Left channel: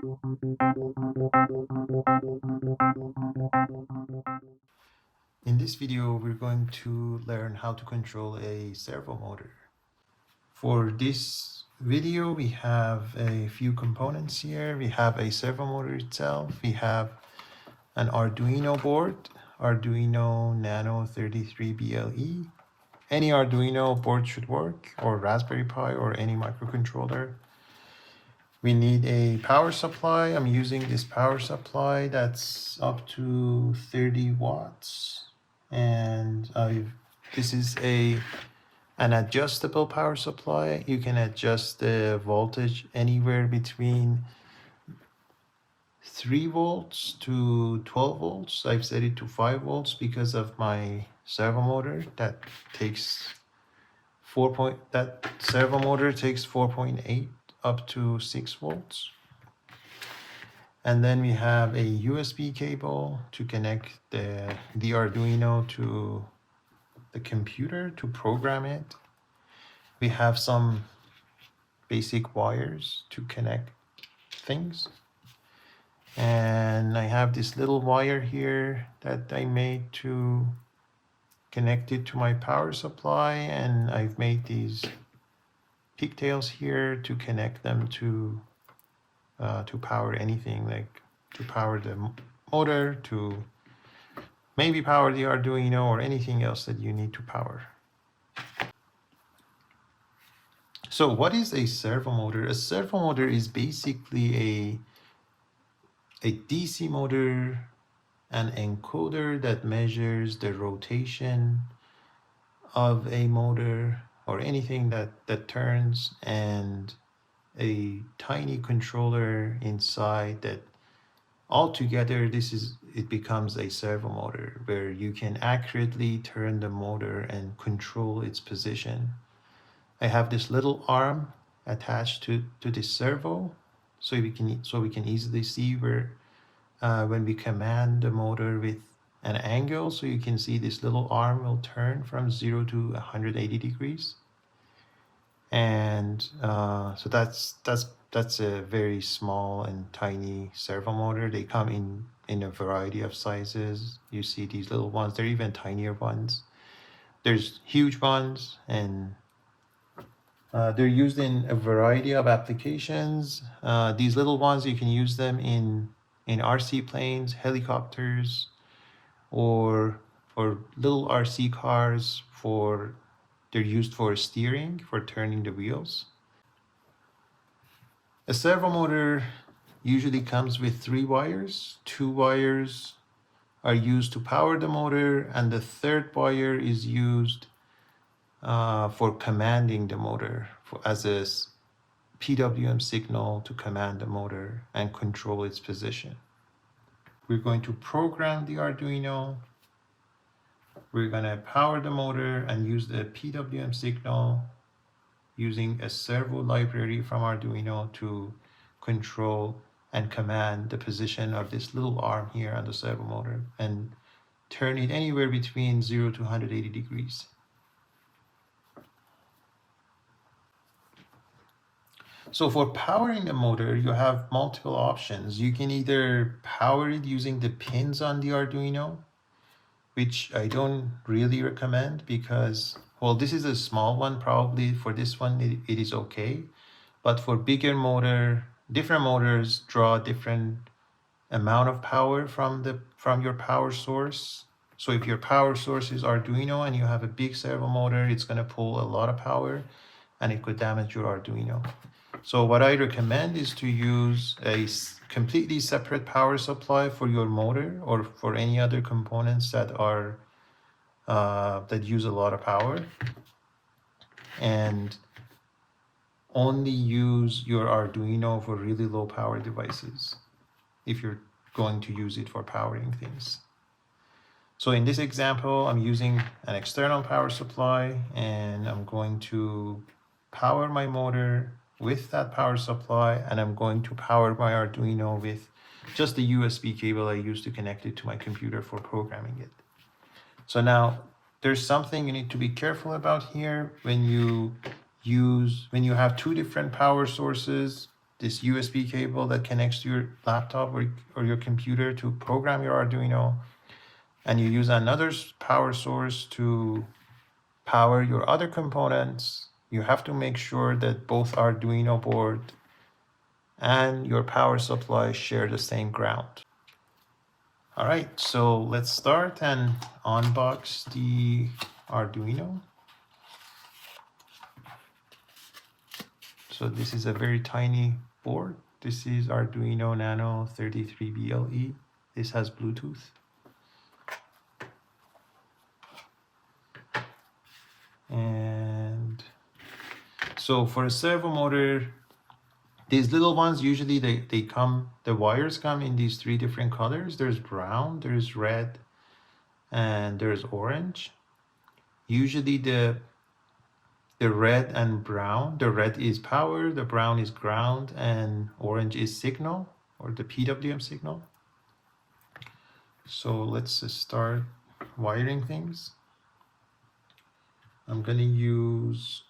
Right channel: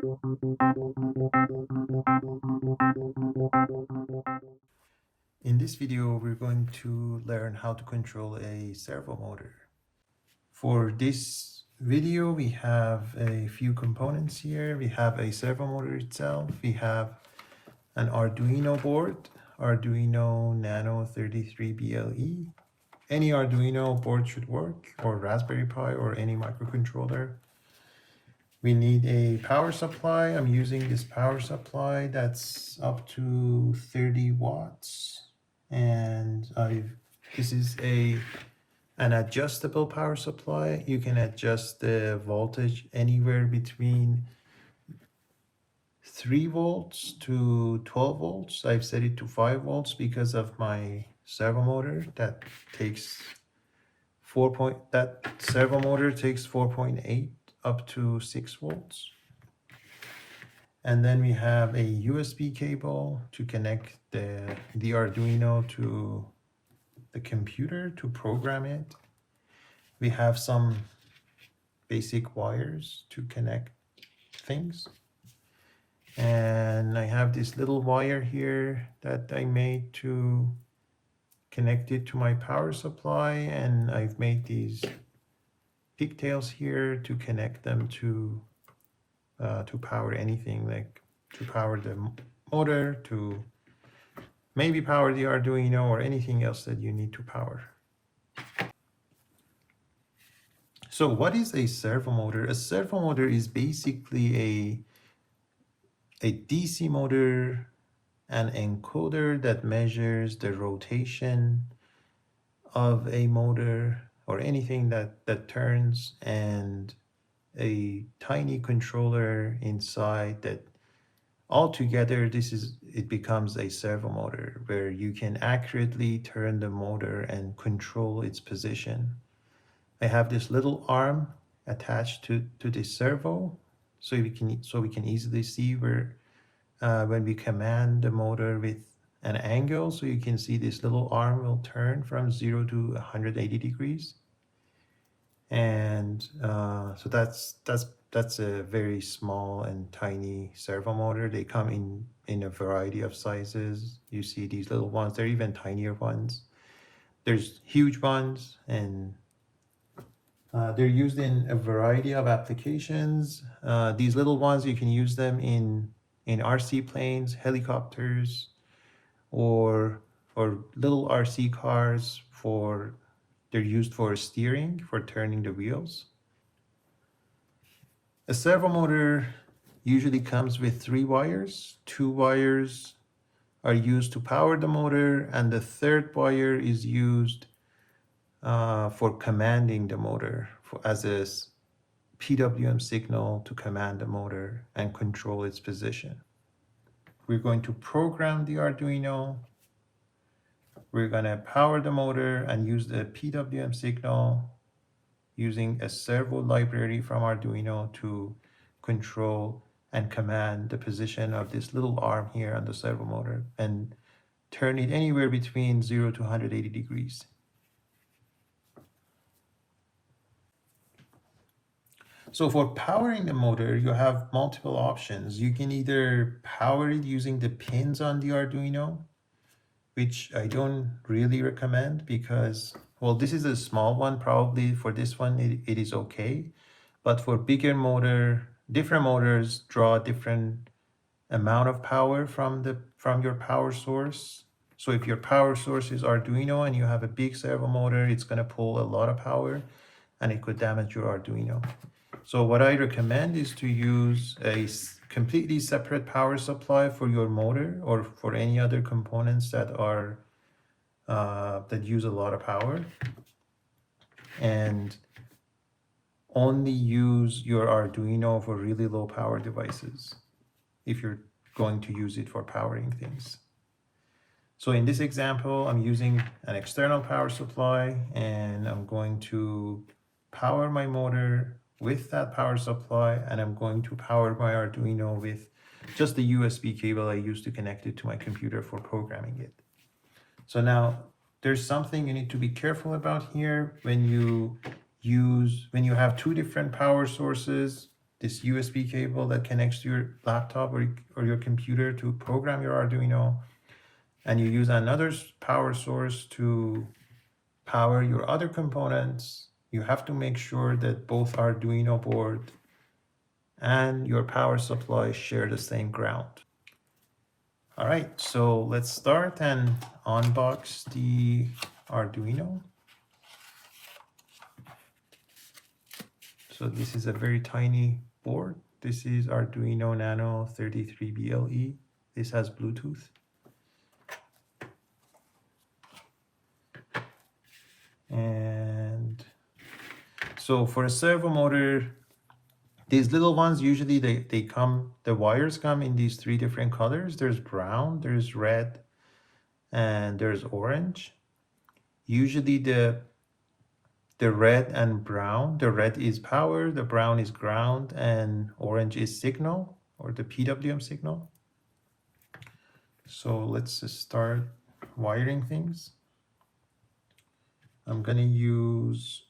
In this video, we're going to learn how to control a servo motor. For this video, we have a few components here. We have a servo motor itself. We have an Arduino board, Arduino Nano 33 BLE. Any Arduino board should work, or Raspberry Pi, or any microcontroller. We need a power supply. I'm using this power supply that's up to 30 watts. And this is an adjustable power supply. You can adjust the voltage anywhere between 3 volts to 12 volts. I've set it to 5 volts because of my servo motor that takes that servo motor takes 4.8 up to 6 volts. And then we have a USB cable to connect the Arduino to the computer to program it. We have some basic wires to connect things. And I have this little wire here that I made to connect it to my power supply, and I've made these pigtails here to connect them to power anything, like to power the motor, to maybe power the Arduino or anything else that you need to power. So what is a servo motor? A servo motor is basically a DC motor, an encoder that measures the rotation of a motor or anything that turns, and a tiny controller inside that altogether it becomes a servo motor where you can accurately turn the motor and control its position. I have this little arm attached to this servo, so we can easily see where when we command the motor with an angle, so you can see this little arm will turn from 0 to 180 degrees. And so that's a very small and tiny servo motor. They come in a variety of sizes. You see these little ones, they're even tinier ones. There's huge ones, and they're used in a variety of applications. These little ones, you can use them in RC planes, helicopters, or little RC cars. They're used for steering, for turning the wheels. A servo motor usually comes with 3 wires. 2 wires are used to power the motor, and the third wire is used for commanding the motor, as a PWM signal to command the motor and control its position. We're going to program the Arduino. We're going to power the motor and use the PWM signal using a servo library from Arduino to control and command the position of this little arm here on the servo motor and turn it anywhere between 0 to 180 degrees. So for powering the motor, you have multiple options. You can either power it using the pins on the Arduino, which I don't really recommend because, well, this is a small one. Probably for this one, it is okay. But for bigger motor, different motors draw different amount of power from your power source. So if your power source is Arduino and you have a big servo motor, it's going to pull a lot of power and it could damage your Arduino. So what I recommend is to use a completely separate power supply for your motor or for any other components that are that use a lot of power, and only use your Arduino for really low power devices if you're going to use it for powering things. So in this example, I'm using an external power supply, and I'm going to power my motor with that power supply, and I'm going to power my Arduino with just the USB cable I used to connect it to my computer for programming it. So now there's something you need to be careful about here when you have 2 different power sources. this USB cable that connects to your laptop or your computer to program your Arduino, and you use another power source to power your other components, you have to make sure that both Arduino board and your power supply share the same ground. All right, so let's start and unbox the Arduino. So this is a very tiny board. This is Arduino Nano 33BLE. This has Bluetooth. And so for a servo motor, these little ones, usually they come, the wires come in these three different colors. There's brown, there's red, and there's orange. Usually the red and brown, the red is power, the brown is ground, and orange is signal, or the PWM signal. So let's start wiring things. I'm gonna use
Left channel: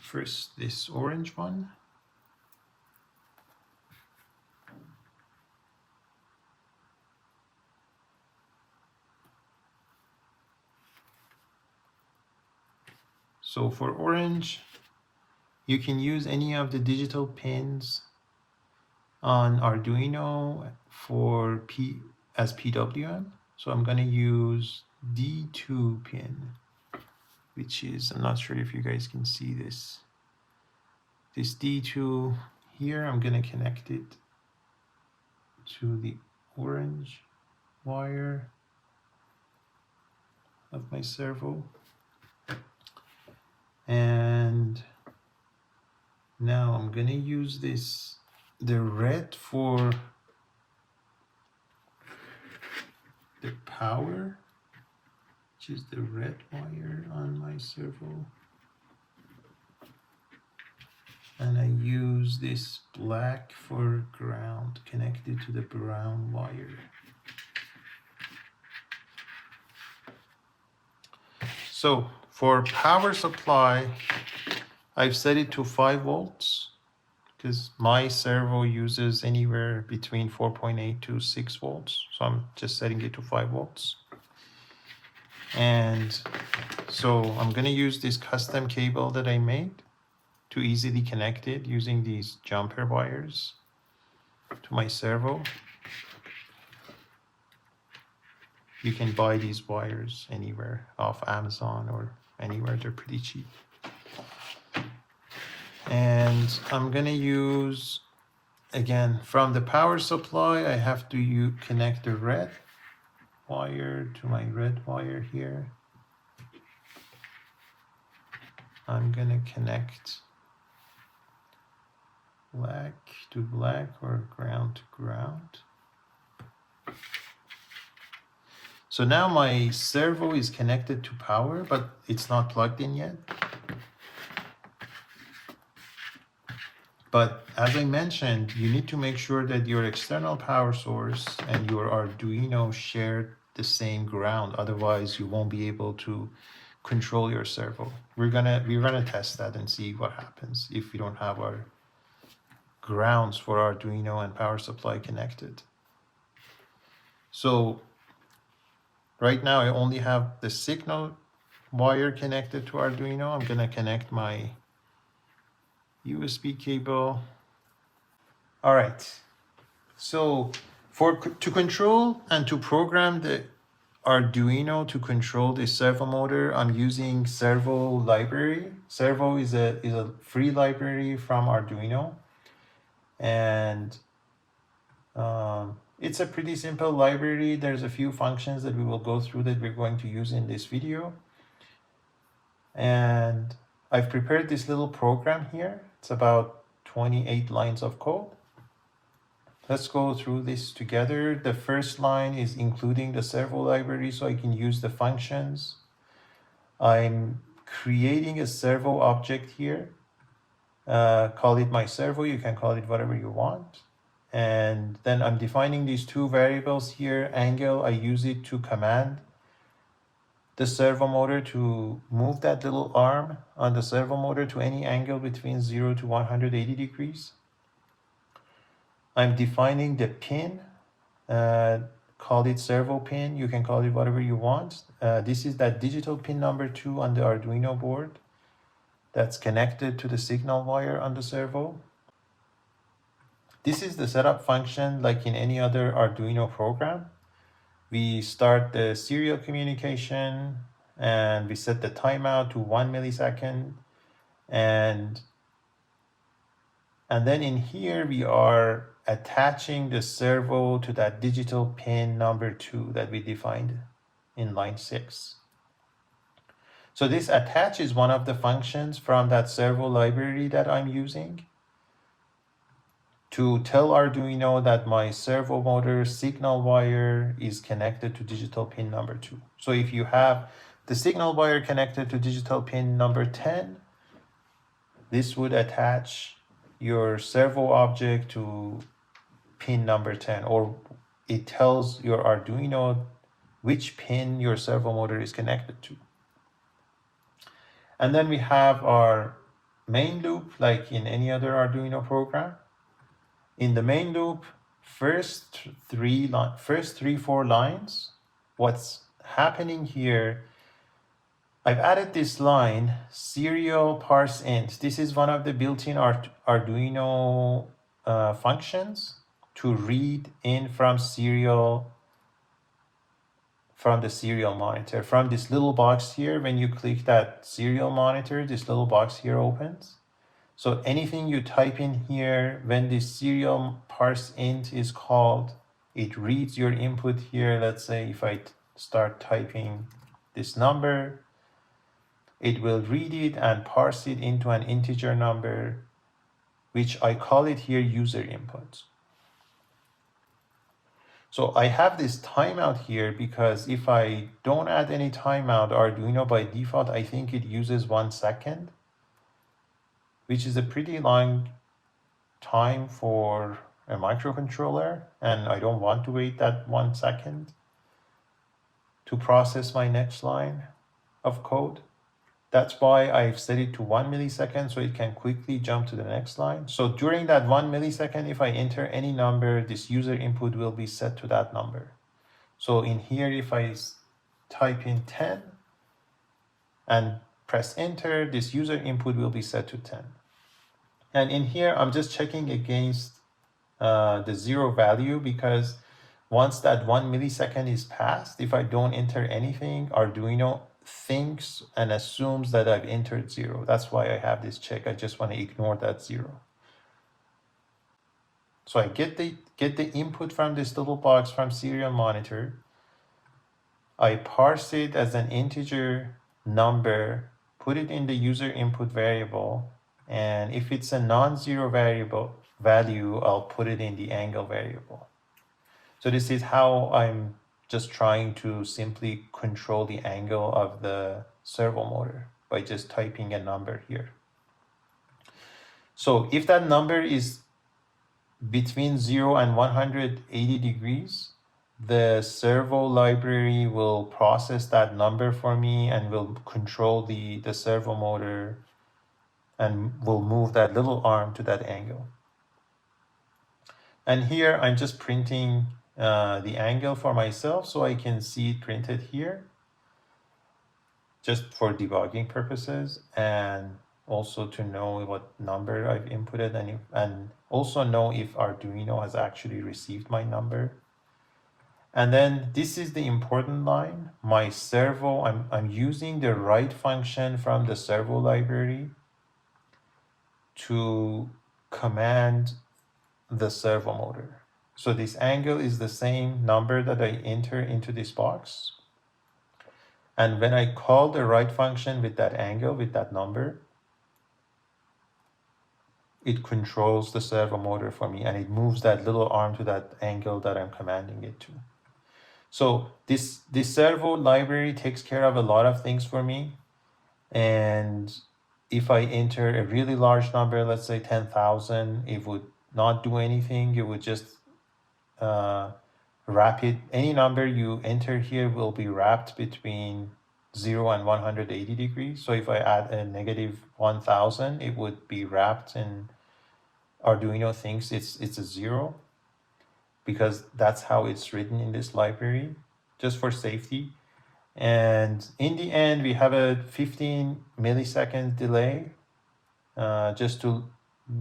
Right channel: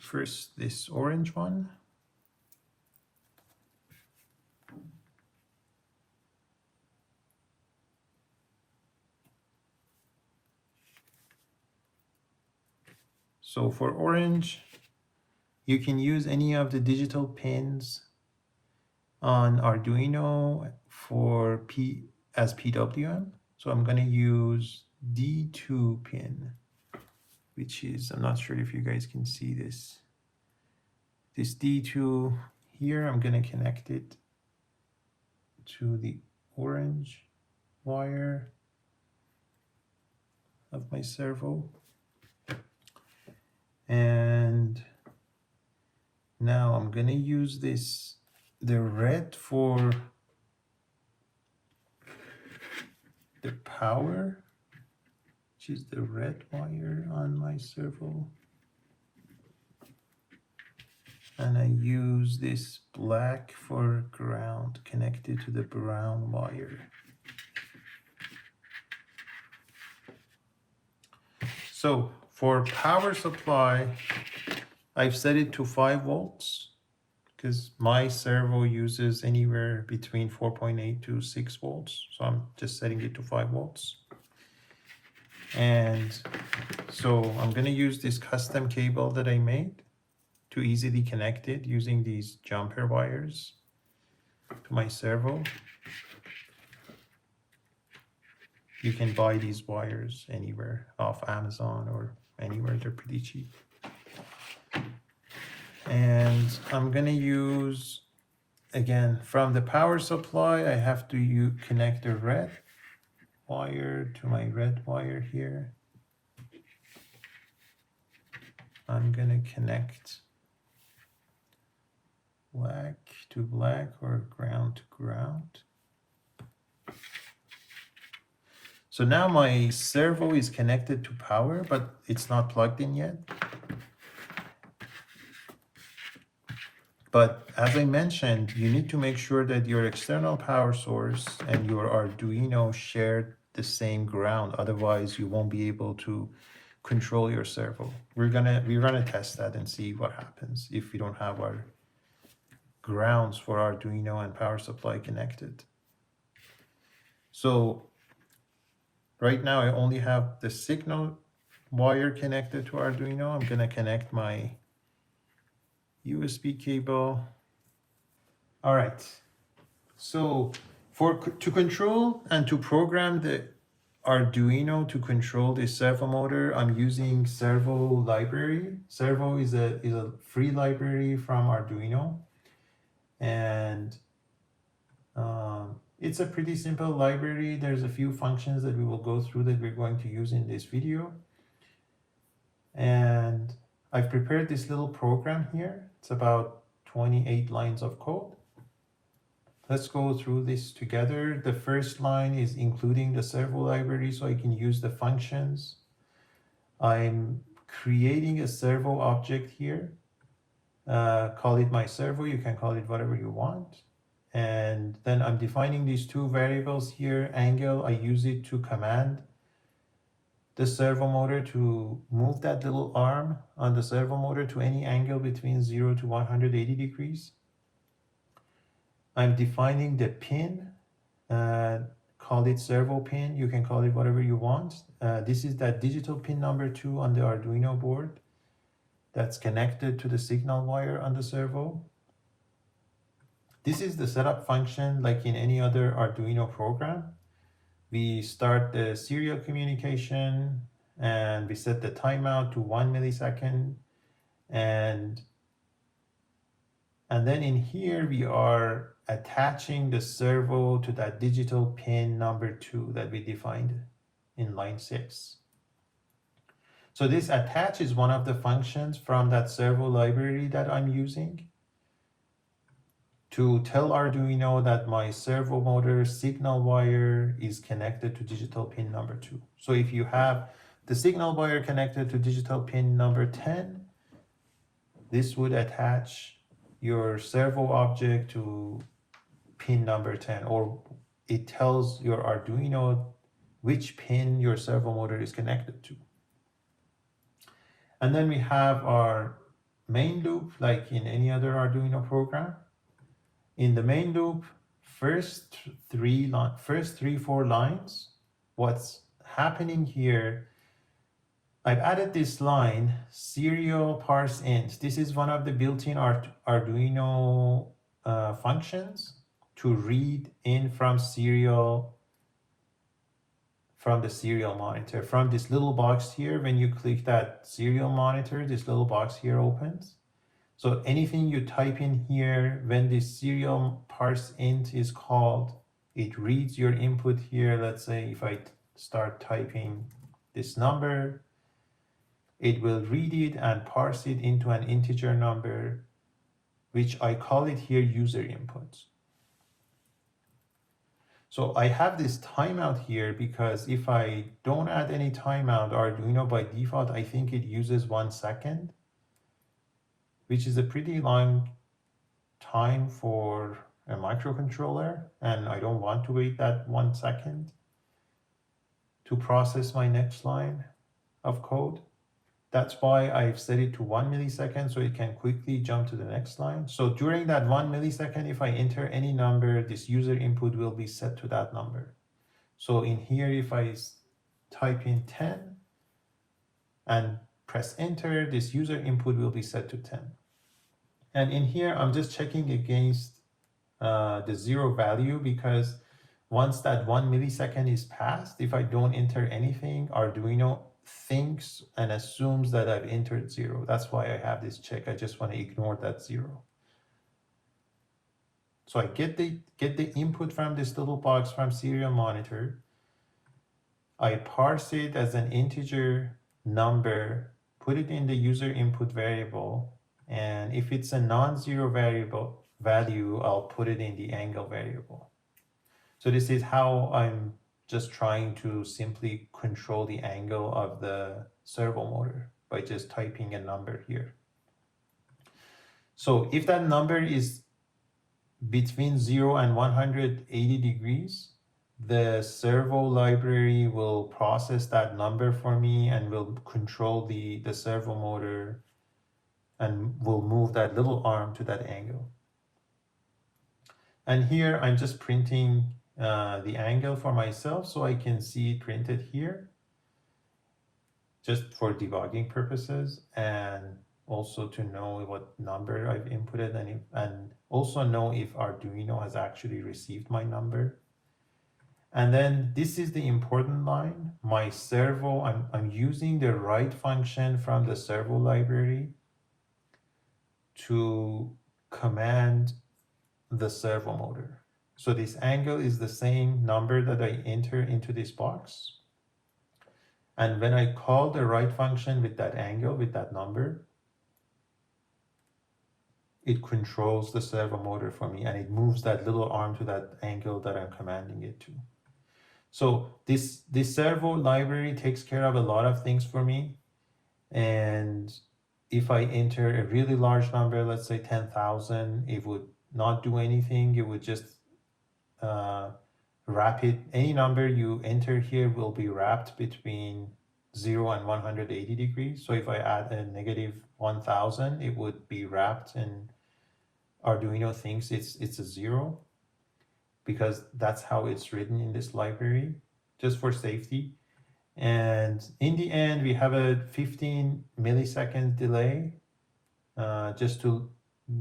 first this orange one. So for orange, you can use any of the digital pins on Arduino for as PWM. So I'm going to use D2 pin, which is, I'm not sure if you guys can see this. This D2 here, I'm going to connect it to the orange wire of my servo. And now I'm going to use the red for the power, which is the red wire on my servo. And I use this black for ground connected to the brown wire. So for power supply, I've set it to 5 volts because my servo uses anywhere between 4.8 to 6 volts. So I'm just setting it to 5 volts. And so I'm going to use this custom cable that I made to easily connect it using these jumper wires to my servo. You can buy these wires anywhere off Amazon or anywhere, they're pretty cheap. And I'm gonna use, again, from the power supply, I have to connect the red wire to my red wire here. I'm gonna connect black to black or ground to ground. So now my servo is connected to power, but it's not plugged in yet. But as I mentioned, you need to make sure that your external power source and your Arduino share the same ground. Otherwise, you won't be able to control your servo. We're gonna test that and see what happens if we don't have our grounds for Arduino and power supply connected. So right now I only have the signal wire connected to Arduino. I'm gonna connect my USB cable. All right, so to control and to program the Arduino to control the servo motor, I'm using servo library. Servo is a free library from Arduino, and it's a pretty simple library. There's a few functions that we will go through that we're going to use in this video. And I've prepared this little program here. It's about 28 lines of code. Let's go through this together. The first line is including the servo library so I can use the functions. I'm creating a servo object here. Call it my servo. You can call it whatever you want. And then I'm defining these two variables here. Angle, I use it to command the servo motor to move that little arm on the servo motor to any angle between 0 to 180 degrees. I'm defining the pin, call it servo pin, you can call it whatever you want. This is that digital pin number 2 on the Arduino board that's connected to the signal wire on the servo. This is the setup function like in any other Arduino program. We start the serial communication and we set the timeout to 1 millisecond. And then in here, we are attaching the servo to that digital pin number 2 that we defined in line 6. So this attach is one of the functions from that servo library that I'm using to tell Arduino that my servo motor signal wire is connected to digital pin number 2. So if you have the signal wire connected to digital pin number 10, this would attach your servo object to pin number 10, or it tells your Arduino which pin your servo motor is connected to. And then we have our main loop, like in any other Arduino program. In the main loop, first 4 lines, what's happening here, I've added this line, serial parse int. This is one of the built-in Arduino functions to read in from the serial monitor. From this little box here, when you click that serial monitor, this little box here opens. So anything you type in here, when this serial parse int is called, it reads your input here. Let's say if I start typing this number, it will read it and parse it into an integer number, which I call it here user input. So I have this timeout here because if I don't add any timeout, Arduino by default, I think it uses 1 second, which is a pretty long time for a microcontroller, and I don't want to wait that 1 second to process my next line of code. That's why I've set it to 1 millisecond so it can quickly jump to the next line. So during that 1 millisecond, if I enter any number, this user input will be set to that number. So in here, if I type in 10 and press enter, this user input will be set to 10. And in here, I'm just checking against the 0 value, because once that 1 millisecond is passed, if I don't enter anything, Arduino thinks and assumes that I've entered 0. That's why I have this check. I just want to ignore that 0. So I get the input from this little box from serial monitor. I parse it as an integer number, put it in the user input variable, and if it's a non-zero value, I'll put it in the angle variable. So this is how I'm just trying to simply control the angle of the servo motor by just typing a number here. So if that number is between 0 and 180 degrees, the servo library will process that number for me and will control the servo motor and will move that little arm to that angle. And here I'm just printing the angle for myself so I can see it printed here, just for debugging purposes, and also to know what number I've inputted, and also know if Arduino has actually received my number. And then this is the important line, my servo. I'm using the write function from the servo library to command the servo motor. So this angle is the same number that I enter into this box. And when I call the write function with that angle, with that number, it controls the servo motor for me, and it moves that little arm to that angle that I'm commanding it to. So this servo library takes care of a lot of things for me. And if I enter a really large number, let's say 10,000, it would not do anything. It would just wrap it. Any number you enter here will be wrapped between 0 and 180 degrees. So if I add a negative 1000, it would be wrapped in Arduino thinks it's a 0, because that's how it's written in this library, just for safety. And in the end, we have a 15 millisecond delay, just to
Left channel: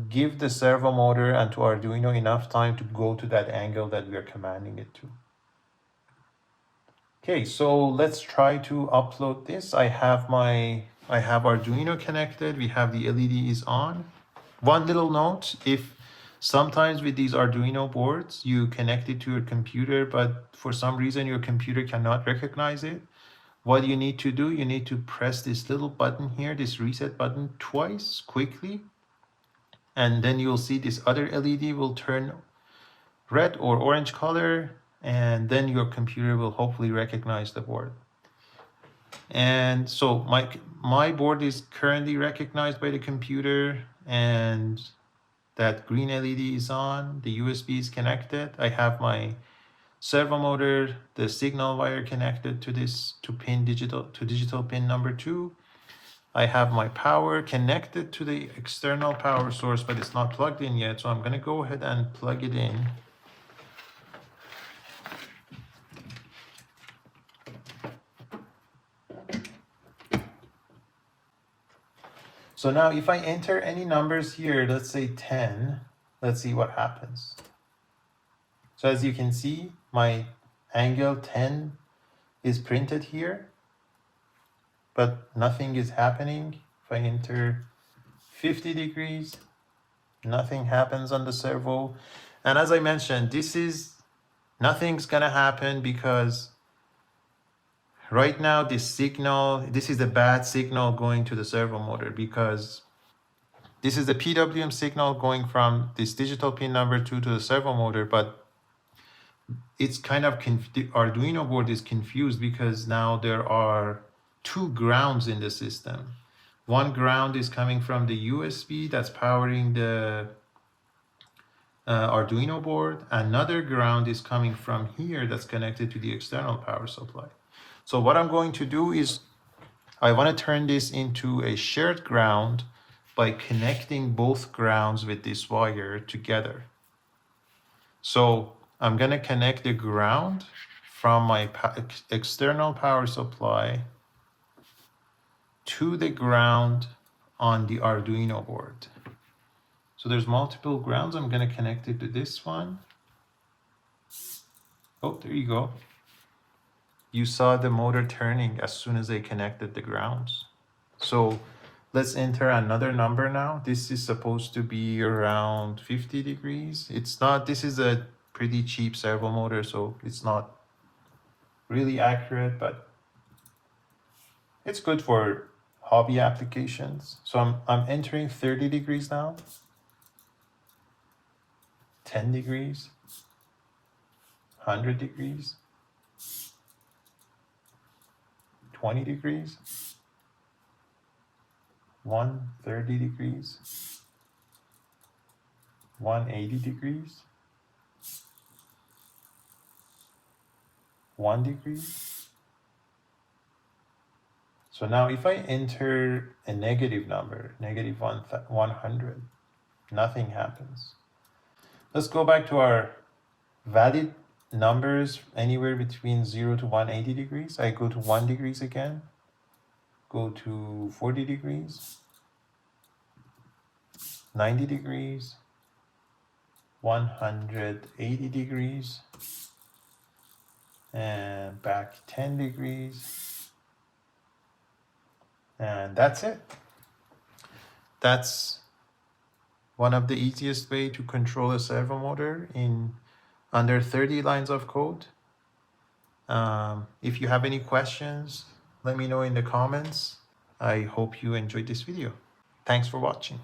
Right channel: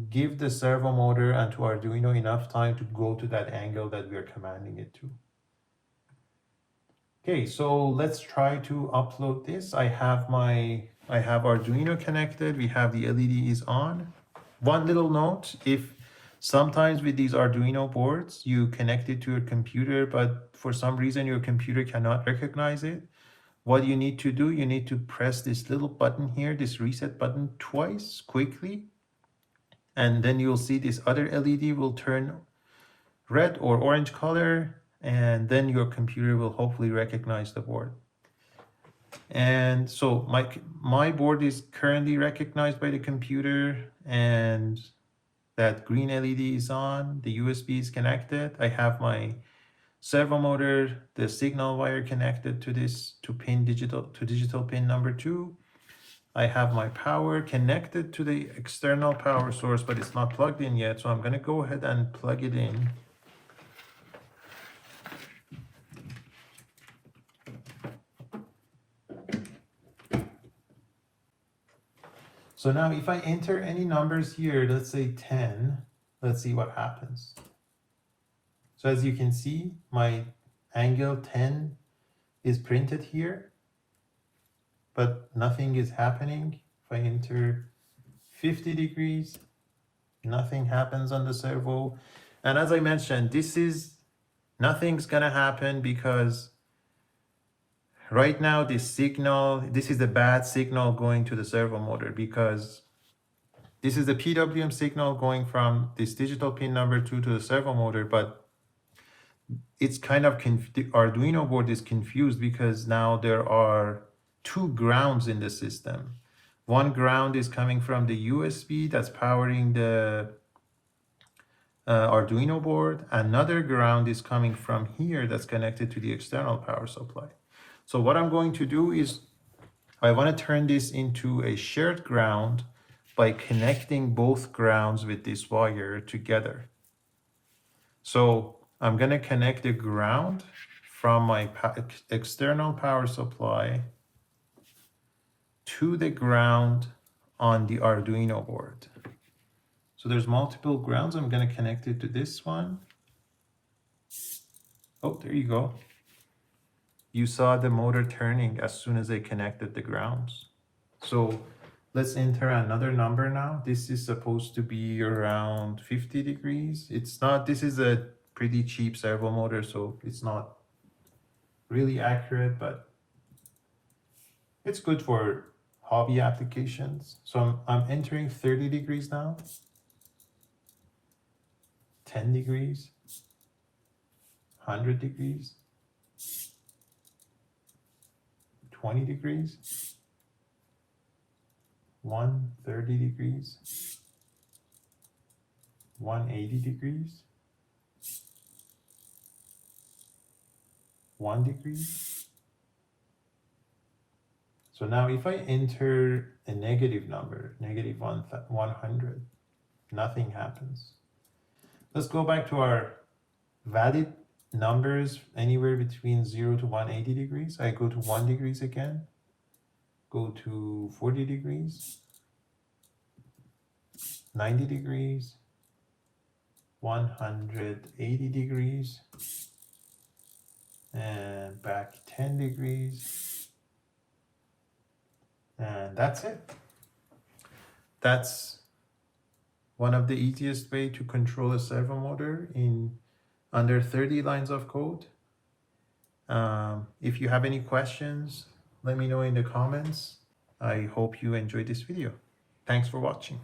give the servo motor and to Arduino enough time to go to that angle that we are commanding it to. Okay, so let's try to upload this. I have Arduino connected. We have the LED is on. One little note, if sometimes with these Arduino boards, you connect it to your computer, but for some reason your computer cannot recognize it, what you need to do, you need to press this little button here, this reset button, twice quickly, and then you'll see this other LED will turn red or orange color, and then your computer will hopefully recognize the board. And so my board is currently recognized by the computer, and that green LED is on, the USB is connected. I have my servo motor, the signal wire connected to this to digital pin number 2. I have my power connected to the external power source, but it's not plugged in yet, so I'm going to go ahead and plug it in. So now if I enter any numbers here, let's say 10, let's see what happens. So as you can see, my angle 10 is printed here, but nothing is happening. If I enter 50 degrees, nothing happens on the servo. And as I mentioned, nothing's gonna happen because right now this is a bad signal going to the servo motor, because this is the PWM signal going from this digital pin number 2 to the servo motor, but it's kind of the Arduino board is confused because now there are 2 grounds in the system. One ground is coming from the USB that's powering the Arduino board. Another ground is coming from here that's connected to the external power supply. So what I'm going to do is I want to turn this into a shared ground by connecting both grounds with this wire together. So I'm going to connect the ground from my external power supply to the ground on the Arduino board. So there's multiple grounds. I'm going to connect it to this one. Oh, there you go. You saw the motor turning as soon as I connected the grounds. So let's enter another number now. This is supposed to be around 50 degrees. It's not, this is a pretty cheap servo motor, so it's not really accurate, but it's good for hobby applications. So I'm entering 30 degrees now. 10 degrees, 100 degrees, 20 degrees, 130 degrees, 180 degrees, 1 degree. So now if I enter a negative number, negative 100, nothing happens. Let's go back to our valid numbers anywhere between 0 to 180 degrees. I go to 1 degrees again, go to 40 degrees, 90 degrees, 180 degrees, and back 10 degrees. And that's it. That's one of the easiest way to control a servo motor in under 30 lines of code. If you have any questions, let me know in the comments. I hope you enjoyed this video. Thanks for watching.